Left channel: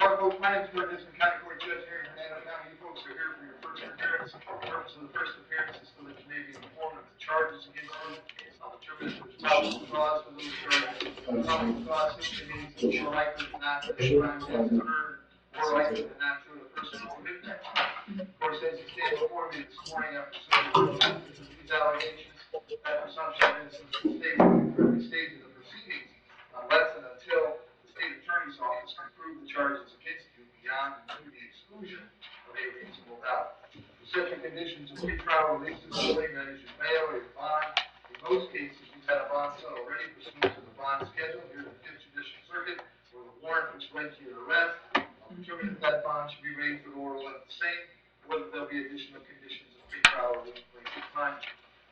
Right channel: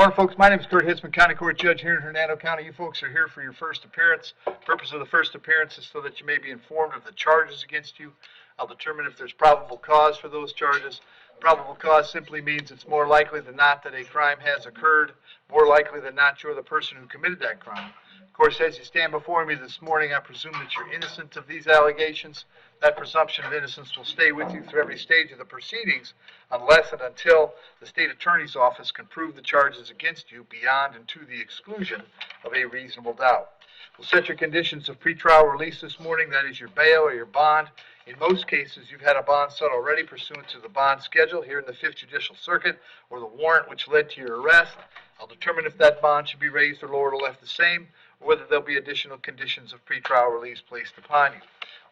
morning, folks. My name is Hitzemann, County Court Judge here in Hernando County. You folks are here for your first appearance. The purpose of the first appearance is so that you may be informed of the charges against you. I'll determine if there's probable cause for those charges. Probable cause simply means it's more likely than not that a crime has occurred, more likely than not you're the person who committed that crime. Of course, as you stand before me this morning, I presume that you're innocent of these allegations. That presumption of innocence will stay with you through every stage of the proceedings unless and until the state attorney's office can prove the charges against you beyond and to the exclusion of a reasonable doubt. We'll set your conditions of pretrial release this morning, that is your bail or your bond. In most cases, you've had a bond set already pursuant to the bond schedule here in the 5th Judicial Circuit, or the warrant which led to your arrest. I'll determine if that bond should be raised or lowered or left the same, or whether there'll be additional conditions of pretrial release placed upon you.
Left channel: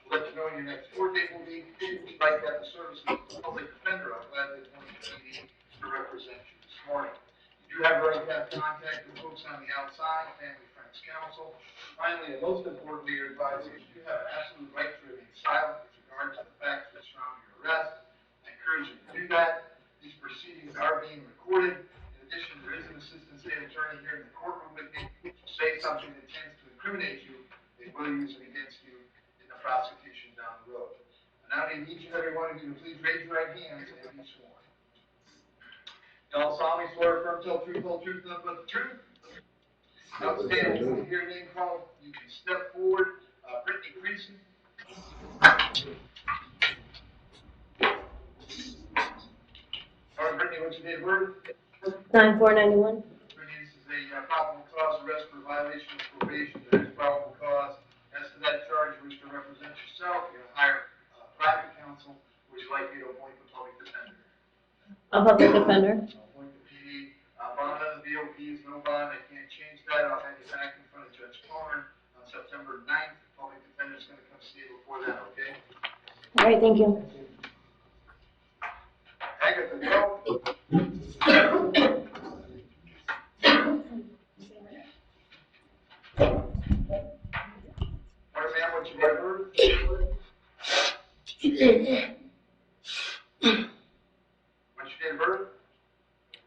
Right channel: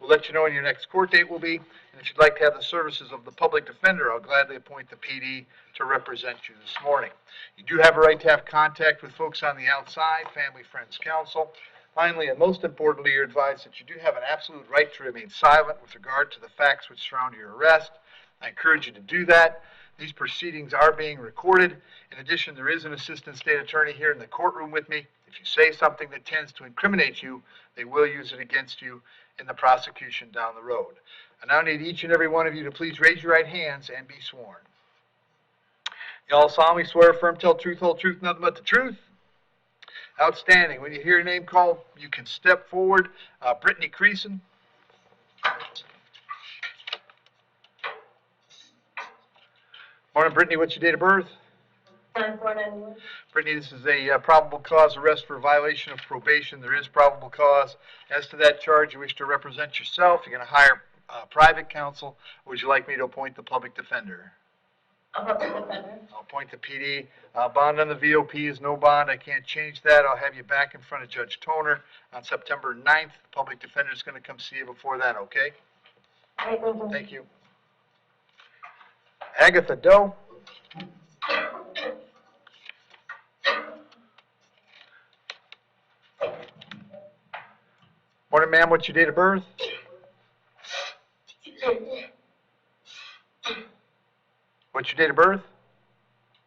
We'll let you know when your next court date will be. If you'd like to have the services of the public defender, I'll gladly appoint the PD to represent you this morning. You do have a right to have contact with folks on the outside, family, friends, counsel. Finally, and most importantly, you're advised that you do have an absolute right to remain silent with regard to the facts which surround your arrest. I encourage you to do that. These proceedings are being recorded. In addition, there is an assistant state attorney here in the courtroom with me. If you say something that tends to incriminate you, they will use it against you in the prosecution down the road. I now need each and every one of you to please raise your right hands and be sworn. You all solemnly swear, affirm, tell truth, whole truth, nothing but the truth? Outstanding. When you hear your name called, you can step forward. Brittany Creason. Morning, Brittany. What's your date of birth? 9/4/91. Brittany, this is a probable cause arrest for violation of probation. There is probable cause. As to that charge, you wish to represent yourself. You're going to hire private counsel, or would you like me to appoint the public defender? A public defender. I'll appoint the PD. Bond on the VOP is no bond. I can't change that. I'll have you back in front of Judge Toner on September 9th. The public defender is going to come see you before that, okay? All right, thank you. Thank you. Agatha Doe. Morning, ma'am. What's your date of birth? What's your date of birth?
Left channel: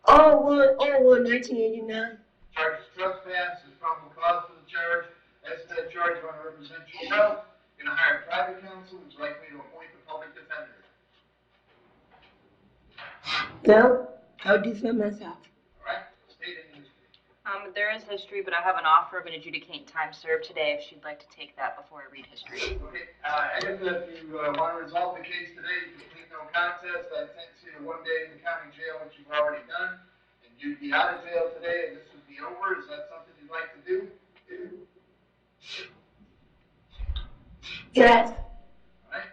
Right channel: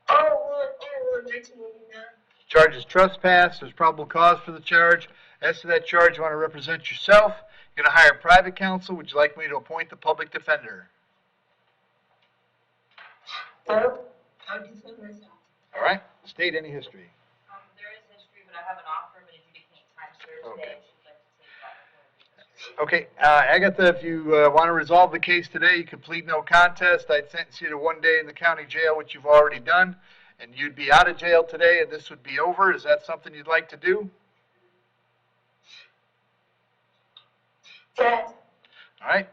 1989. Charge is trespass. There's probable cause for the charge. As to that charge, you want to represent yourself. You're going to hire private counsel. Would you like me to appoint the public defender? No, I'll defend myself. All right. State any history. There is history, but I have an offer of an adjudicating time served today if she'd like to take that before I read history. Okay. Agatha, if you want to resolve the case today, you can plead no contest. I'd sentence you to 1 day in the county jail, which you've already done, and you'd be out of jail today, and this would be over. Is that something you'd like to do? Yes. All right.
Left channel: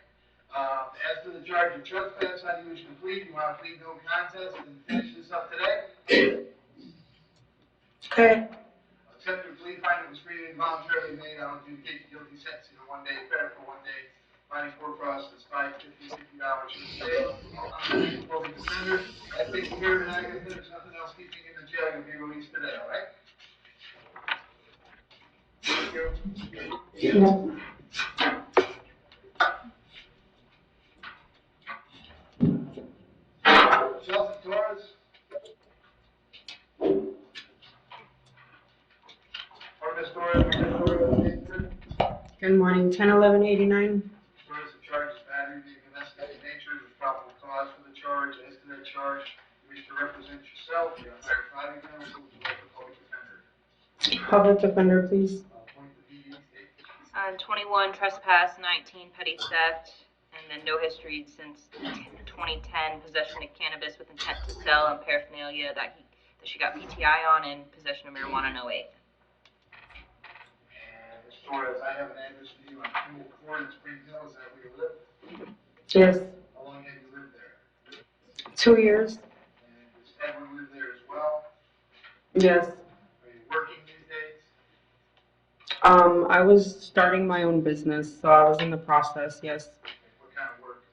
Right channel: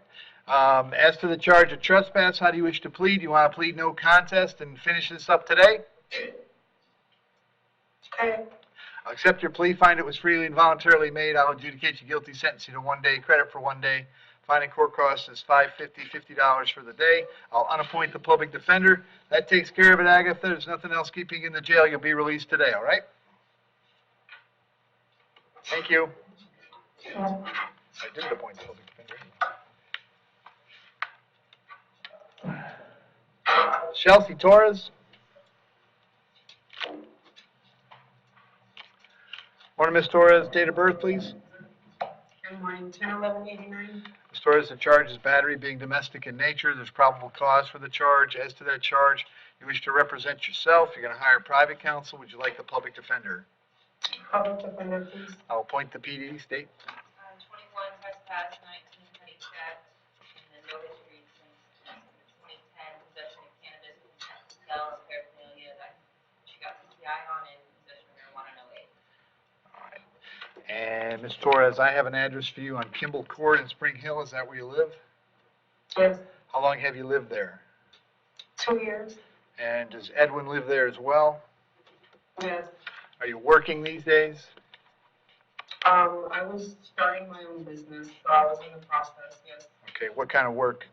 As to the charge of trespass, how do you wish to plead? You want to plead no contest and finish this up today? Okay. I'll accept your plea, find it was freely and voluntarily made. I'll adjudicate you guilty, sentence you to 1 day, credit for 1 day. Finding court costs is $50 for the day. I'll unappoint the public defender. That takes care of it, Agatha. There's nothing else keeping you in the jail. You'll be released today, all right? Thank you. Chelsea Torres. Morning, Ms. Torres. Date of birth, please. Good morning. 10/11/89. Ms. Torres, the charge is battery being domestic in nature. There's probable cause for the charge. As to that charge, you wish to represent yourself. You're going to hire private counsel. Would you like the public defender? Public defender, please. I'll appoint the PD. State. 21 trespass, 19 petty theft, and then no history since 2010. Possession of cannabis with intent to sell and paraphernalia that she got PTI on, and possession of marijuana in 08. And Ms. Torres, I have an address for you on Kimball Court in Spring Hill. Is that where you live? Yes. How long have you lived there? 2 years. And does Edwin live there as well? Yes. Are you working these days? I was starting my own business, so I was in the process, yes. Okay, what kind of work?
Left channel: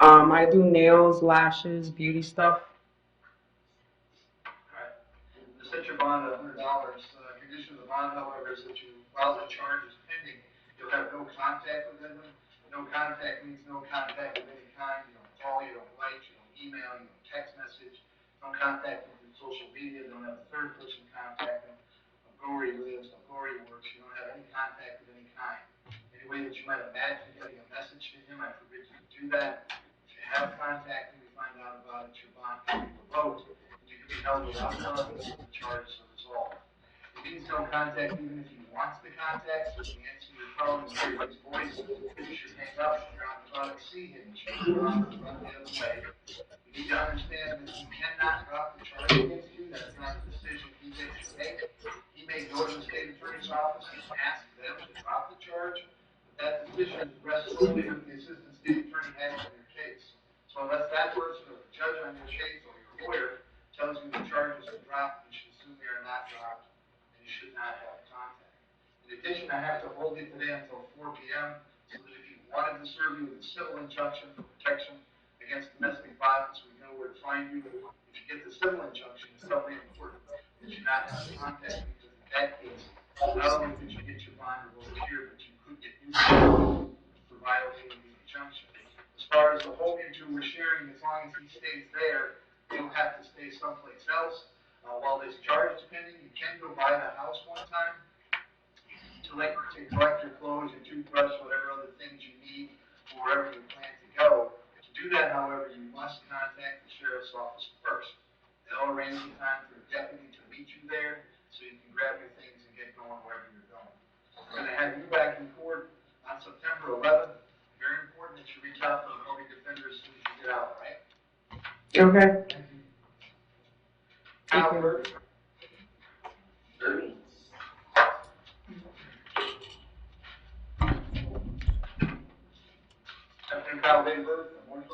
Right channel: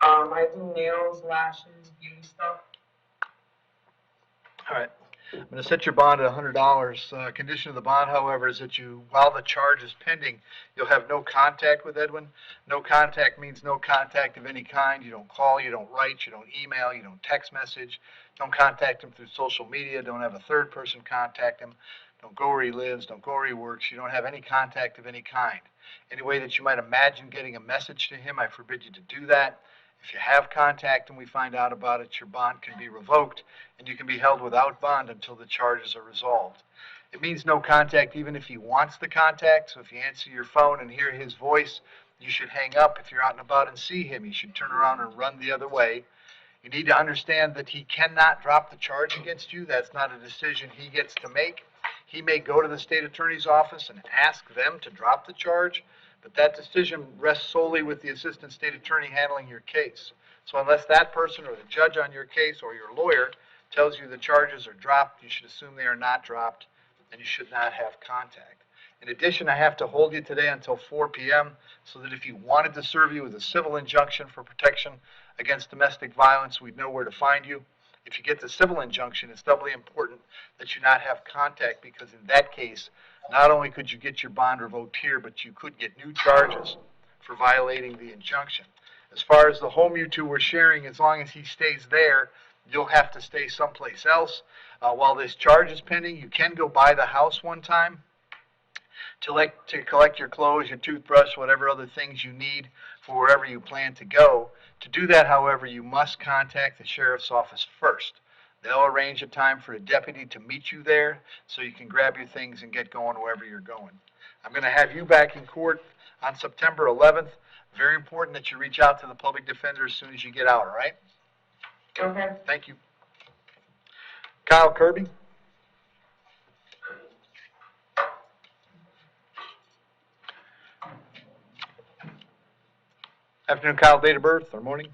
I do nails, lashes, beauty stuff. All right. I'm going to set your bond at $100. Condition of the bond, however, is that while the charge is pending, you'll have no contact with Edwin. No contact means no contact of any kind. You don't call, you don't write, you don't email, you don't text message. Don't contact him through social media. Don't have a third person contact him. Don't go where he lives. Don't go where he works. You don't have any contact of any kind. Any way that you might imagine getting a message to him, I forbid you to do that. If you have contact and we find out about it, your bond can be revoked and you can be held without bond until the charges are resolved. It means no contact even if he wants the contact, so if you answer your phone and hear his voice, you should hang up. If you're out and about and see him, you should turn around and run the other way. You need to understand that he cannot drop the charge against you. That's not a decision he gets to make. He may go to the state attorney's office and ask them to drop the charge, but that decision rests solely with the assistant state attorney handling your case. So unless that person or the judge on your case or your lawyer tells you the charges are dropped, you should assume they are not dropped, and you should not have contact. In addition, I have to hold you today until 4 p.m. so that if you wanted to serve you with a civil injunction for protection against domestic violence, we'd know where to find you. If you get the civil injunction, it's doubly important that you not have contact, because in that case, not only could you get your bond revoked here, but you could get new charges for violating the injunction. As far as the home you two were sharing, as long as he stays there, you'll have to stay someplace else. While this charge is pending, you can go by the house one time to collect your clothes, your toothbrush, whatever other things you need for wherever you plan to go. To do that, however, you must contact the sheriff's office first. They'll arrange a time for a deputy to meet you there so you can grab your things and get going wherever you're going. I'm going to have you back in court on September 11th. Very important that you reach out to the public defender as soon as you get out, all right? Okay. Thank you. Kyle Kirby? Afternoon, Kyle. Date of birth or morning?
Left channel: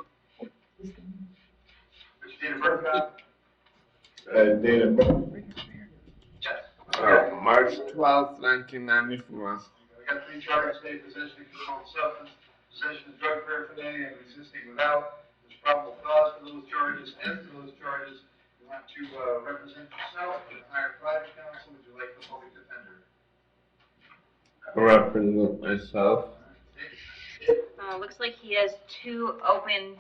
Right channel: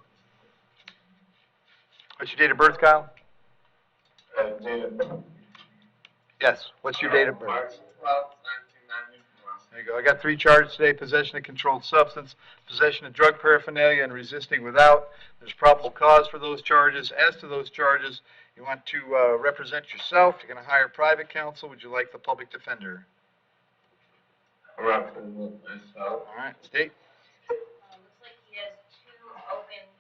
What's your date of birth, Kyle? Date of birth. Yes. What's your date of birth? March 12th, 1994. There you go. I got 3 charges today: possession of controlled substance, possession of drug paraphernalia, and resisting without. There's probable cause for those charges. As to those charges, you want to represent yourself. You're going to hire private counsel. Would you like the public defender? Represent myself. All right. State. Looks like he has 2 open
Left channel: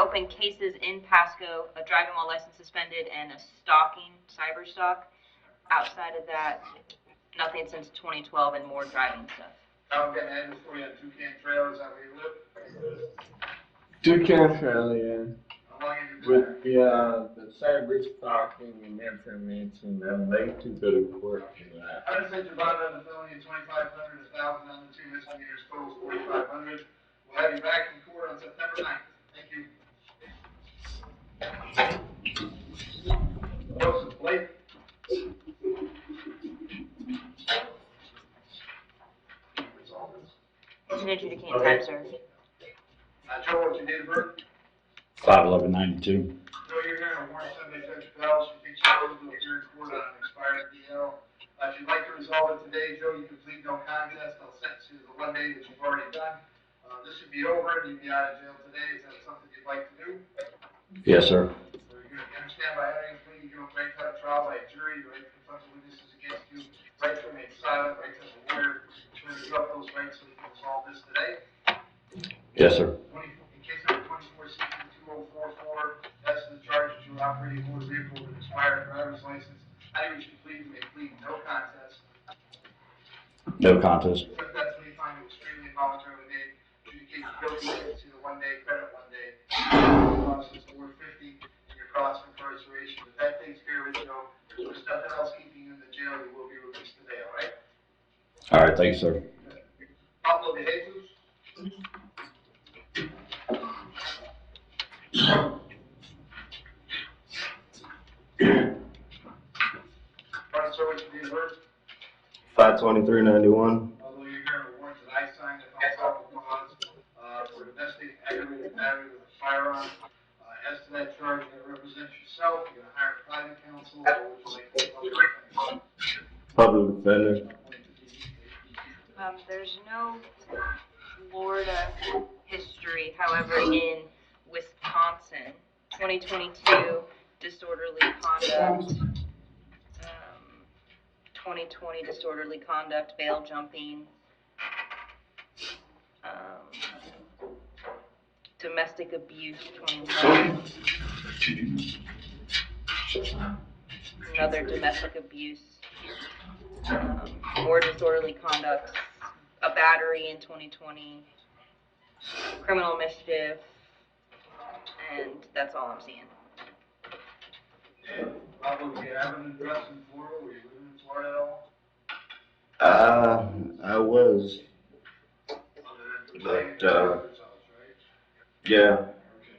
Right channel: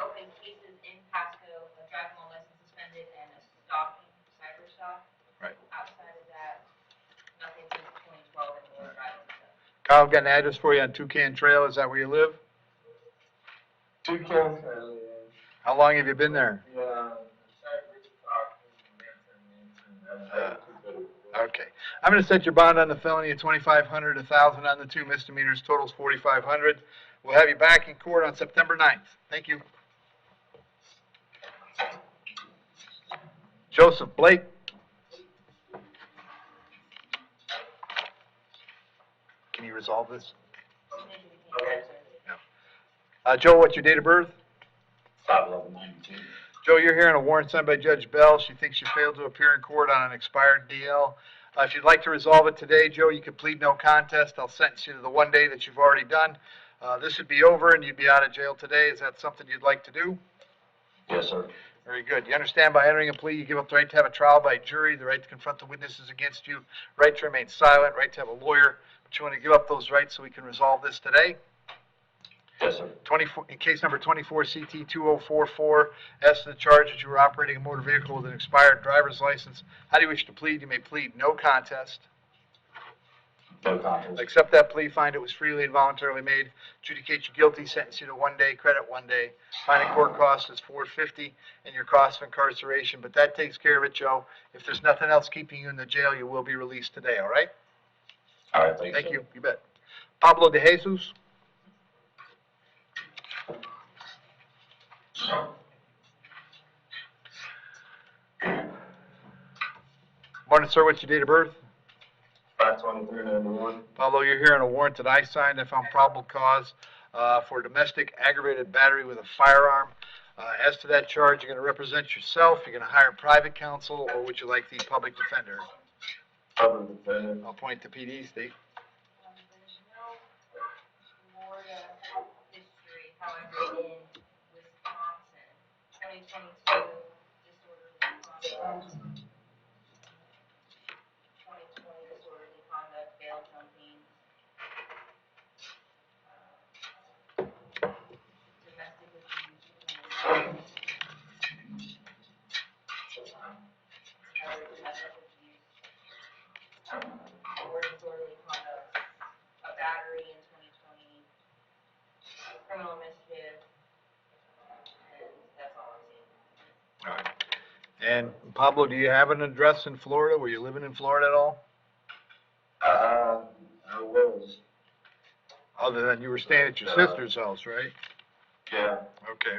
open cases in Pasco, a driving while license suspended and a stalking, cyber stalk. Right. Outside of that, nothing since 2012 and more driving stuff. Kyle, got an address for you on Toucan Trail. Is that where you live? Toucan Trail, yeah. How long have you been there? The cyber stalking and information, and they too good of course. Okay. I'm going to set your bond on the felony at $2,500, $1,000 on the 2 misdemeanors, totals $4,500. We'll have you back in court on September 9th. Thank you. Joseph Blake. Can you resolve this? It's an adjudicating time, sir. Joe, what's your date of birth? 5/11/92. Joe, you're hearing a warrant signed by Judge Bell. She thinks you failed to appear in court on an expired DL. If you'd like to resolve it today, Joe, you can plead no contest. I'll sentence you to the 1 day that you've already done. This would be over and you'd be out of jail today. Is that something you'd like to do? Yes, sir. Very good. You understand by entering a plea, you give up the right to have a trial by jury, the right to confront the witnesses against you, right to remain silent, right to have a lawyer. But you want to give up those rights so we can resolve this today? Yes, sir. In case number 24 CT 2044, as to the charge that you were operating a motor vehicle with an expired driver's license, how do you wish to plead? You may plead no contest. No contest. Accept that plea, find it was freely and voluntarily made, adjudicate you guilty, sentence you to 1 day, credit 1 day. Finding court cost is $450 and your cost of incarceration, but that takes care of it, Joe. If there's nothing else keeping you in the jail, you will be released today, all right? All right, thank you, Thank sir. you. You bet. Pablo de Jesus. Morning, sir. What's your date of birth? 5/23/91. Pablo, you're here on a warrant that I signed. I found probable cause for domestic aggravated battery with a firearm. As to that charge, you're going to represent yourself. You're going to hire private counsel, or would you like the public defender? Public defender. I'll point to PD, Steve. There's no Florida history, however, in Wisconsin, 2022 disorderly conduct, 2020 disorderly conduct, bail jumping. domestic abuse, 21. Another domestic abuse. More disorderly conduct, a battery in 2020, criminal mischief, and that's all I'm seeing. All right. And Pablo, do you have an address in Florida? Were you living in Florida at all? I was, Other than you were staying at your sister's house, right? yeah, Okay.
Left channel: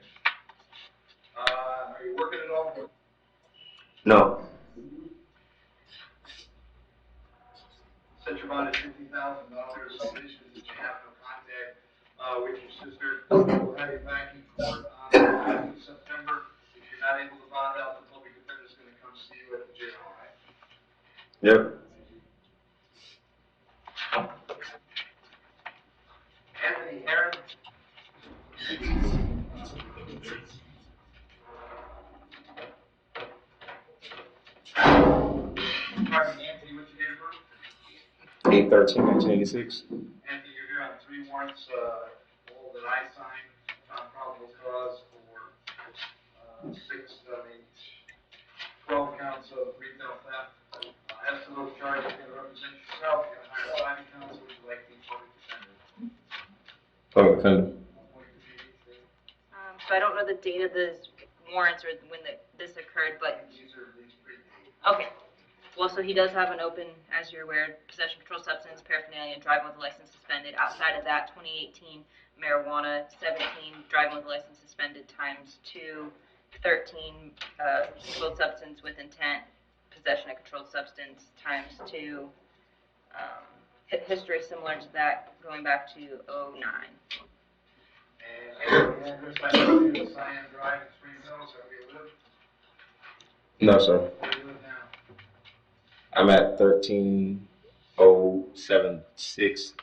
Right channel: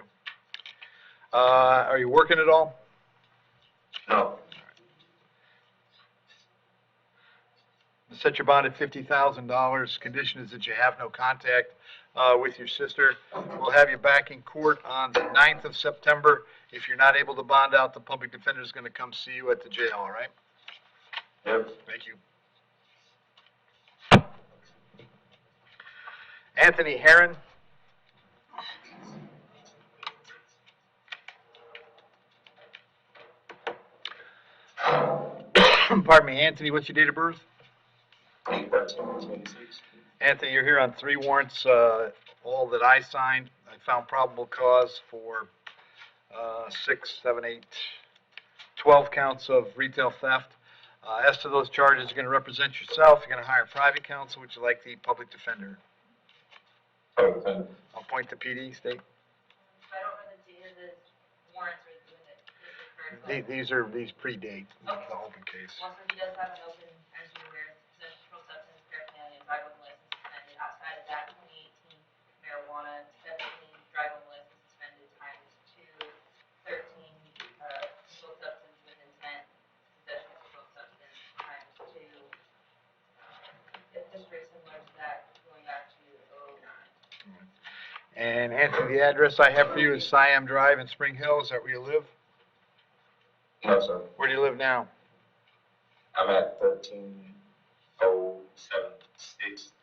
Are you working at all? no, Set your bond at $50,000. Condition is that you have no contact with your sister. We'll have you back in court on the 9th of September. If you're not able to bond out, the public defender is going to come see you at the jail, all right? yep. Thank you. Anthony Herron. Pardon me, Anthony, what's your date of birth? 8/13/1986. Anthony, you're here on 3 warrants, all that I signed. I found probable cause for 6, 7, 8, 12 counts of retail theft. As to those charges, you're going to represent yourself. You're going to hire private counsel. Would you like the public defender? Public defender. I'll point to PD, state. So I don't know the date of the warrants or when this occurred, but, These predate Okay. the open case. well, so he does have an open, as you're aware, possession of controlled substance, paraphernalia, and driving with a license suspended. Outside of that, 2018 marijuana, 17 driving with a license suspended times 2, 13 controlled substance with intent, possession of controlled substance times 2. History similar to that, going back to 09. And Anthony, the address I have for you is Siam Drive in Spring Hill. Is that where you live? No, sir. Where do you live now? I'm at 13076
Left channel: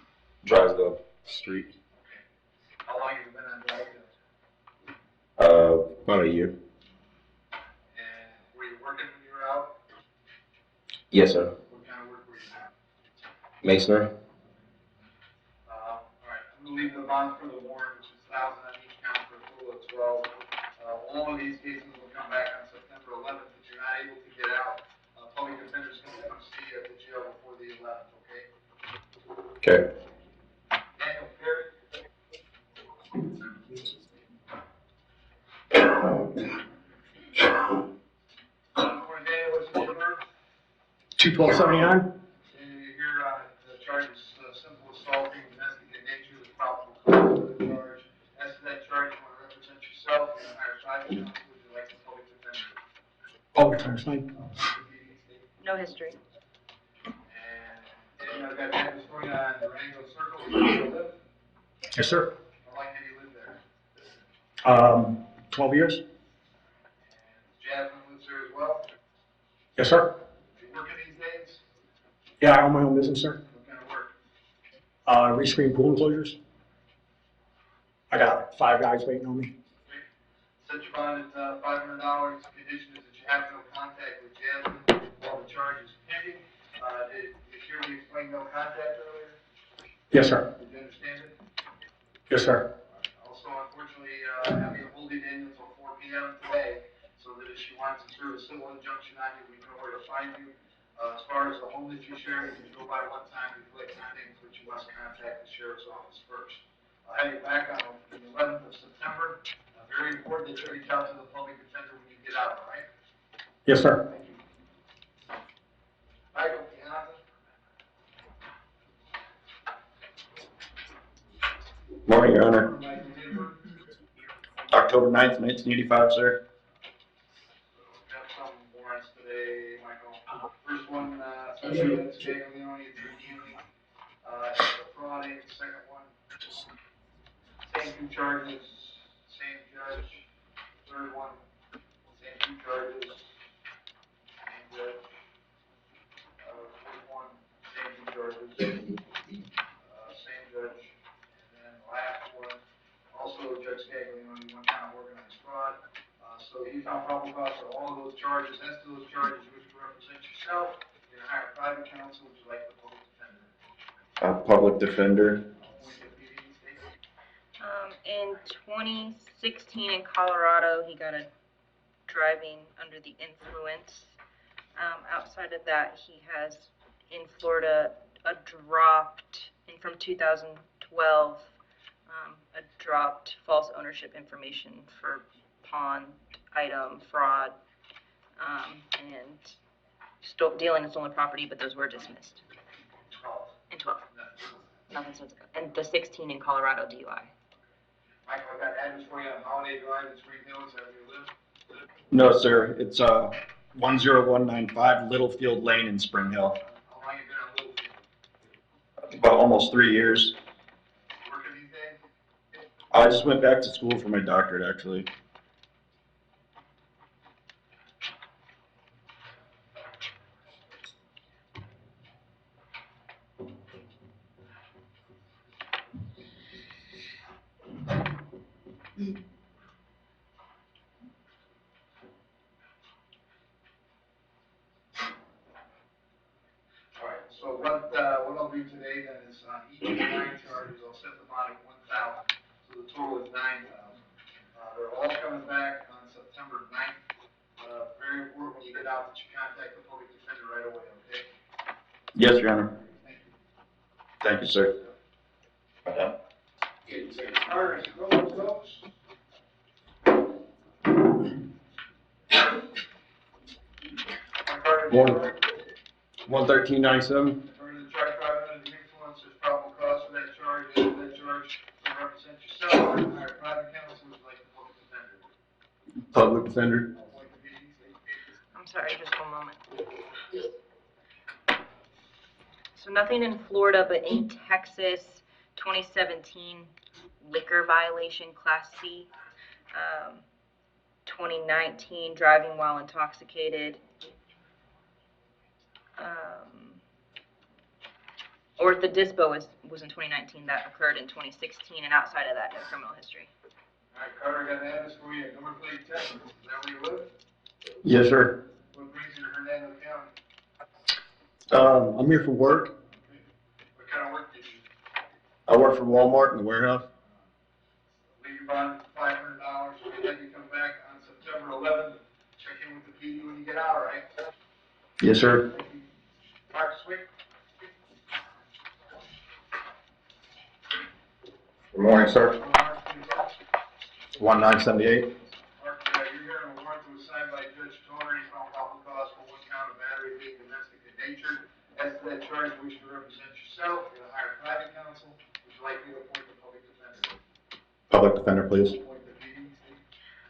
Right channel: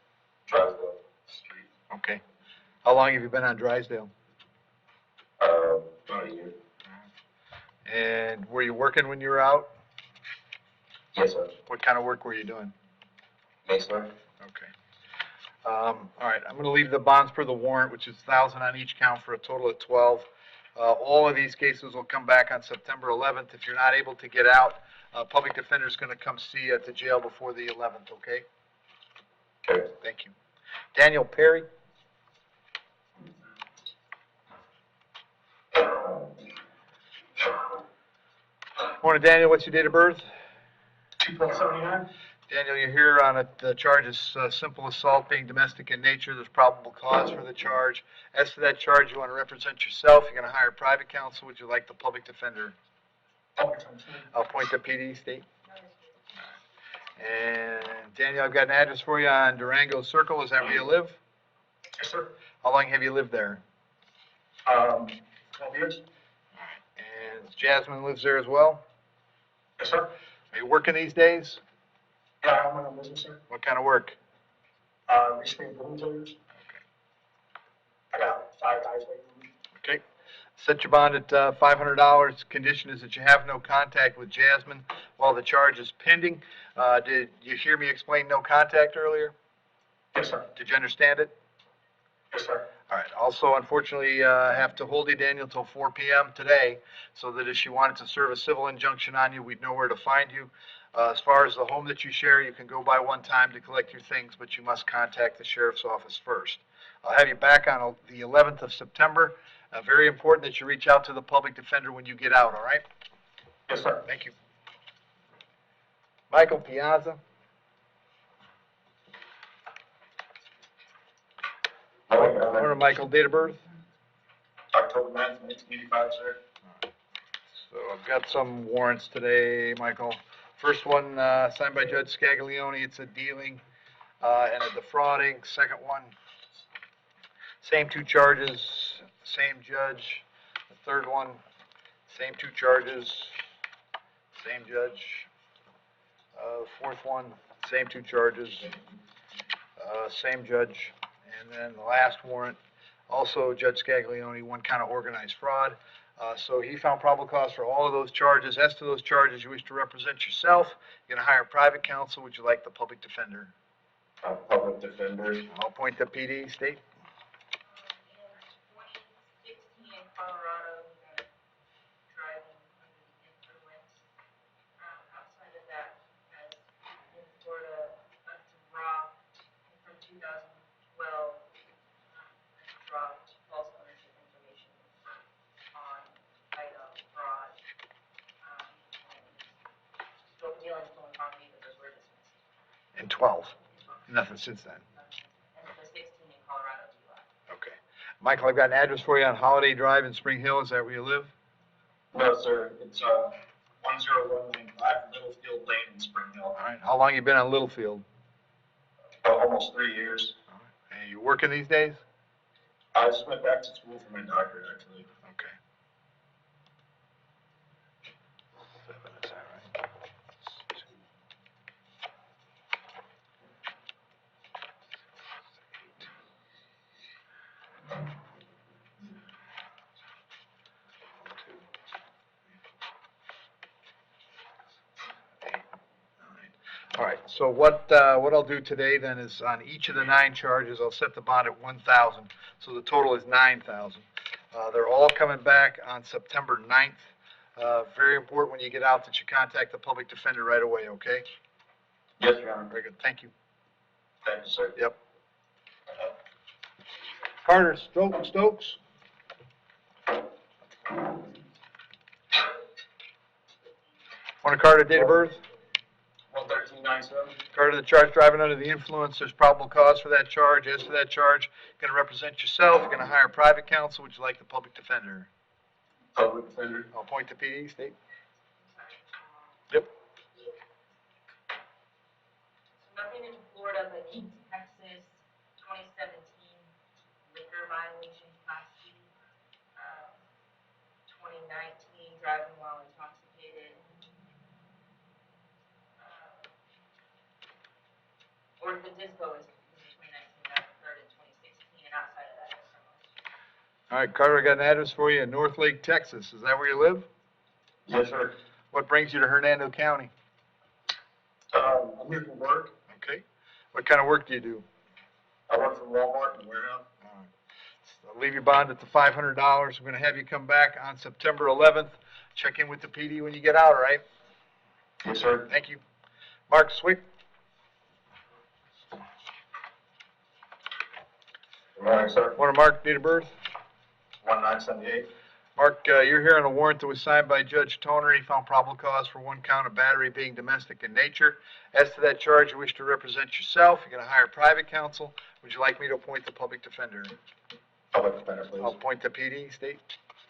Drysdale Street. Okay. How long have you been on Drysdale? About a year. And were you working when you were out? Yes, sir. What kind of work were you doing? Masonry. Okay. All right, I'm going to leave the bonds per the warrant, which is 1,000 on each count for a total of 12. All of these cases will come back on September 11th. If you're not able to get out, public defender is going to come see you at the jail before the 11th, okay? Okay. Thank you. Daniel Perry. Morning, Daniel. What's your date of birth? 2/12/79. Daniel, you're here on the charge is simple assault being domestic in nature. There's probable cause for the charge. As to that charge, you want to represent yourself. You're going to hire private counsel. Would you like the public defender? Public defender. I'll point to PD, state. No history. And Daniel, I've got an address for you on Durango Circle. Is that where you live? Yes, sir. How long have you lived there? 12 years. And Jasmine lives there as well? Yes, sir. Are you working these days? Yeah, I own my own business, sir. What kind of work? Rescreen pool enclosures. I got 5 guys waiting on me. Okay. Set your bond at $500. Condition is that you have no contact with Jasmine while the charge is pending. Did you hear me explain no contact earlier? Yes, sir. Did you understand it? Yes, sir. All right. Also, unfortunately, have to hold you, Daniel, till 4 p.m. today, so that if she wanted to serve a civil injunction on you, we'd know where to find you. As far as the home that you share, you can go by one time to collect your things, but you must contact the sheriff's office first. I'll have you back on the 11th of September. Very important that you reach out to the public defender when you get out, all right? Yes, sir. Thank you. Michael Piazza. Morning, Your Honor. Morning, Michael. Date of birth? October 9th, 1985, sir. So I've got some warrants today, Michael. First one signed by Judge Scaglione. It's a dealing and a defrauding. Second one, same 2 charges, same judge. The third one, same 2 charges, same judge. Fourth one, same 2 charges, same judge. And then the last warrant, also Judge Scaglione, 1 count of organized fraud. So he found probable cause for all of those charges. As to those charges, you wish to represent yourself. You're going to hire private counsel. Would you like the public defender? Public defender. I'll point to PD, state. In 2016 in Colorado, he got a driving under the influence. Outside of that, he has in Florida from 2012, a dropped false ownership information for pawn item fraud, and dealing in stolen property, but those were dismissed In 12, in 12. nothing since then. Nothing since then. And the 16 in Colorado DUI. Okay. Michael, I've got an address for you on Holiday Drive in Spring Hill. Is that where you live? No, sir. It's 10195 Littlefield Lane in Spring Hill. All right. How long you been on Littlefield? About almost 3 years. And you working these days? I just went back to school for my doctorate, actually. Okay. Is that right? All right, so what I'll do today then is on each of the 9 charges, I'll set the bond at 1,000, so the total is 9,000. They're all coming back on September 9th. Very important when you get out that you contact the public defender right away, okay? Yes, Your Honor. Very good, thank you. Thank you, sir. Yep. Carter, Stokes. Morning, Carter, date of birth? 11397. Carter, the charge driving under the influence, there's probable cause for that charge. As to that charge, you're gonna represent yourself, you're gonna hire private counsel. Would you like the public defender? Public defender. I'll point to PD, state. I'm sorry, just one moment. Yep. So nothing in Florida, but in Texas, 2017 liquor violation, Class C. 2019 driving while intoxicated. Or the dispo was in 2019, that occurred in 2016, and outside of that, no criminal history. All right, Carter, I got an address for you in North Lake, Texas. Is that where you live? Yes, sir. What brings you to Hernando County? I'm here for work. Okay. What kind of work do you do? I work for Walmart in the warehouse. I'll leave your bond at the $500. We're gonna have you come back on September 11th. Check in with the PD when you get out, all right? Yes, sir. Thank you. Mark Swick? Good morning, sir. Morning, Mark, date of birth? 1978. Mark, you're here on a warrant that was signed by Judge Toner. He found probable cause for 1 count of battery being domestic in nature. As to that charge, you wish to represent yourself. You're gonna hire private counsel. Would you like me to appoint the public defender? Public defender, I'll please. appoint the PD, state.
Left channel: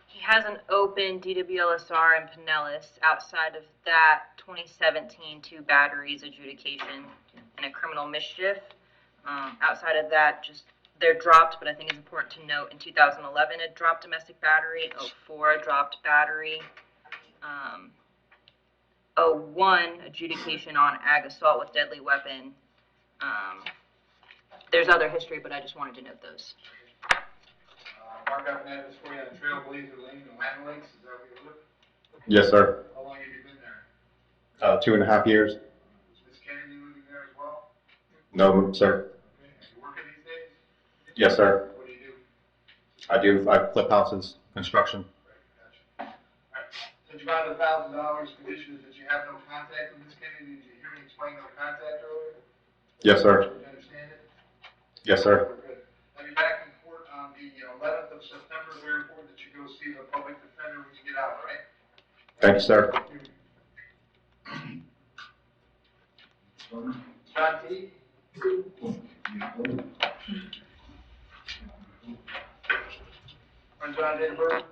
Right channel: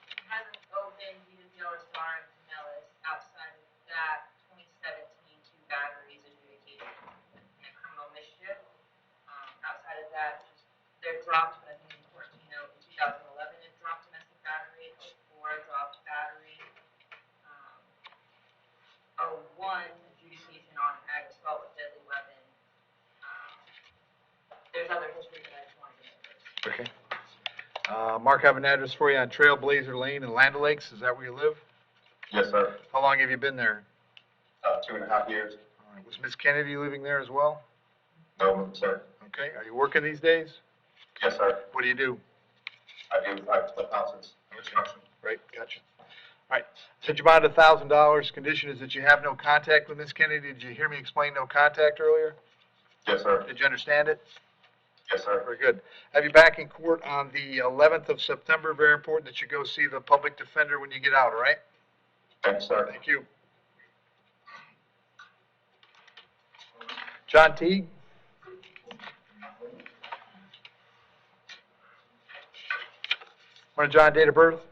He has an open DWLSR in Pinellas. Outside of that, 2017 2 batteries adjudication and a criminal mischief. Outside of that, just they're dropped, but I think it's important to note in 2011 a dropped domestic battery, 04 a dropped battery, 01 adjudication on ag assault with deadly weapon. There's other history, but I just wanted to note those. Okay. Mark, I have an address for you on Trailblazer Lane in Land O'Lakes. Is that where you live? Yes, sir. How long have you been there? 2.5 years. Was Miss Kennedy living there as well? No, sir. Okay. Are you working these days? Yes, sir. What do you do? I flip houses, construction. Right, gotcha. All right, set your bond at $1,000. Condition is that you have no contact with Miss Kennedy. Did you hear me explain no contact earlier? Yes, sir. Did you understand it? Yes, sir. Very good. Have you back in court on the 11th of September. Very important that you go see the public defender when you get out, all right? Thank you, sir. Thank you. John T. Morning, John, date of birth?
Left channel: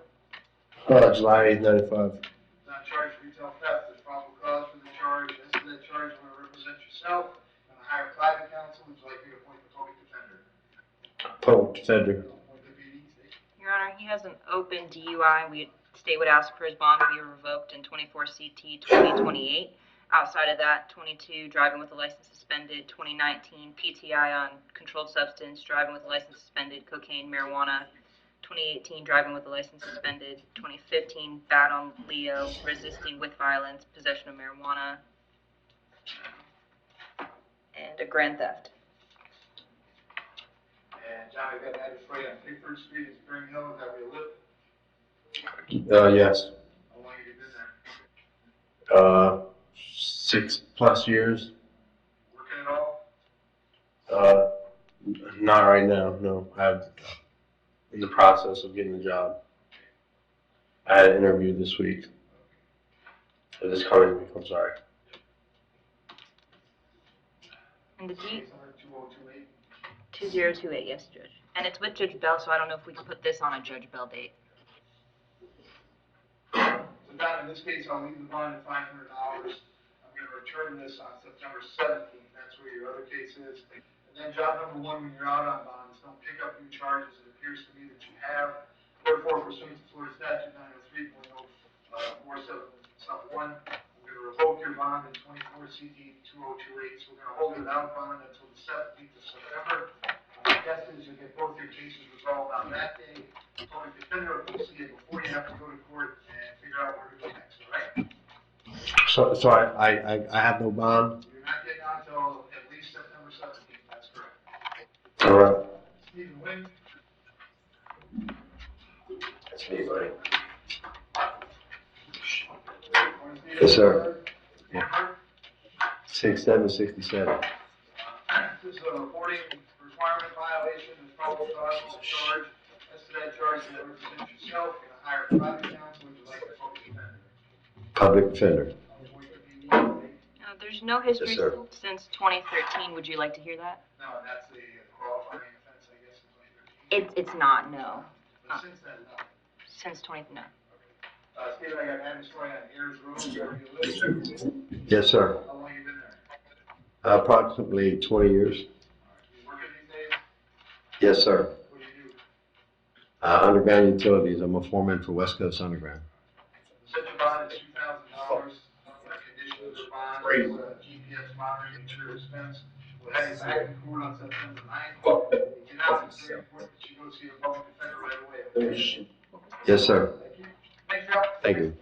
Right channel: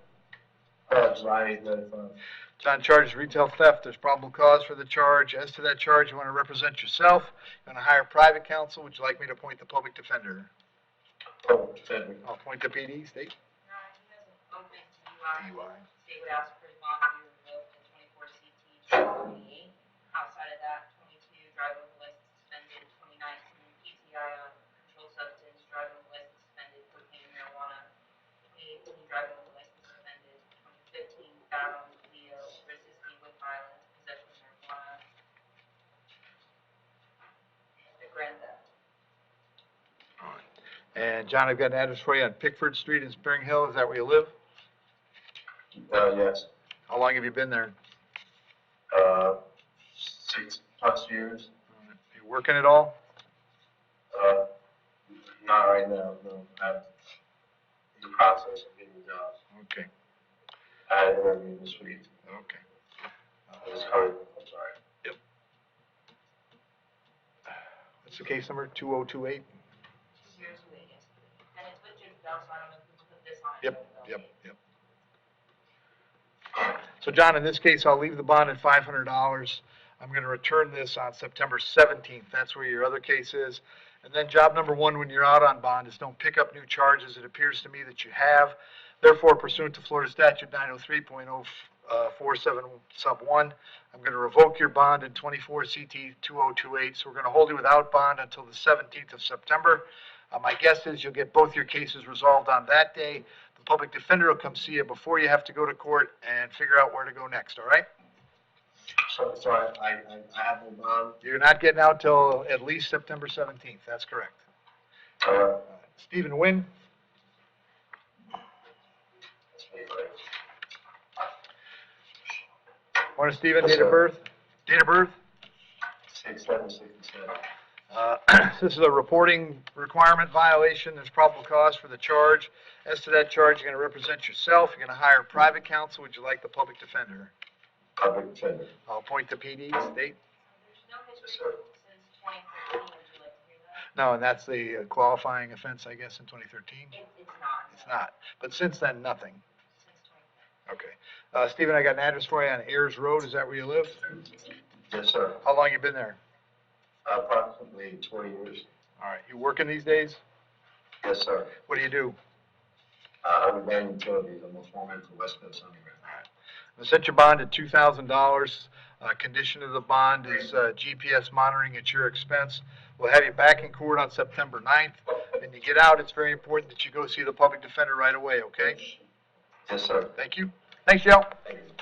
July 8th, 95. John charges retail theft. There's probable cause for the charge. As to that charge, you want to represent yourself. You want to hire private counsel. Would you like me to appoint the public defender? Public defender. I'll appoint the PD, state. Your Honor, he has an open DUI. State would ask for his bond to be revoked in 24 CT 2028. Outside of that, 22 driving with a license suspended, 2019 PTI on controlled substance, driving with a license suspended, cocaine, marijuana, 2018 driving with a license suspended, 2015 bad on Leo, resisting with violence, possession of marijuana, and a grand theft. And John, I've got an address for you on Pickford Street in Spring Hill. Is that where you live? Yes, How long have you been there? 6+ years. You working at all? Not right now, no. I'm in the process of getting the job. Okay, I had an interview this week, okay. this coming week, I'm sorry. And This this is case number 2028? 2028, yes, Judge. And it's with Judge Bell, so I don't know if we can put this on a Judge Bell date. Yep. So John, in this case, I'll leave the bond at $500. I'm going to return this on September 17th. That's where your other case is. And then job number one, when you're out on bond, is don't pick up new charges. It appears to me that you have. Therefore, pursuant to Florida Statute 903.047 sub 1, I'm going to revoke your bond in 24 CT 2028. So we're going to hold you without bond until the 17th of September. My guess is you'll get both your cases resolved on that day. The public defender will come see you before you have to go to court and figure out where to go next, all right? So I have no bond? You're not getting out till at least September 17th, that's correct. All right. Stephen Wynn? That's me, buddy. Morning, Stephen, Yes, date of sir. birth? Date of birth? 6/7/67. This is a reporting requirement violation. There's probable cause for the charge. As to that charge, you're going to represent yourself. You're going to hire private counsel. Would you like the public defender? Public defender. I'll appoint the PD. Date? There's no history sir. since 2013. Would you like to hear that? No, and that's the qualifying offense, I guess, in 2013? It's not, no. It's not. But since then, nothing. Since 20, no. Okay. Stephen, I got an address for you on Ayers Road. Is that where you live? Yes, sir. How long you been there? Approximately 20 years. All right. You working these days? Yes, sir. What do you do? Underground utilities. I'm a foreman for West Coast Underground. I set your bond at $2,000. Condition of the bond is GPS monitoring at your expense. We'll have you back in court on September 9th. When you get out, it's very important that you go see the public defender right away, okay? Yes, sir. Thank you. Thanks, Joe. Thank you.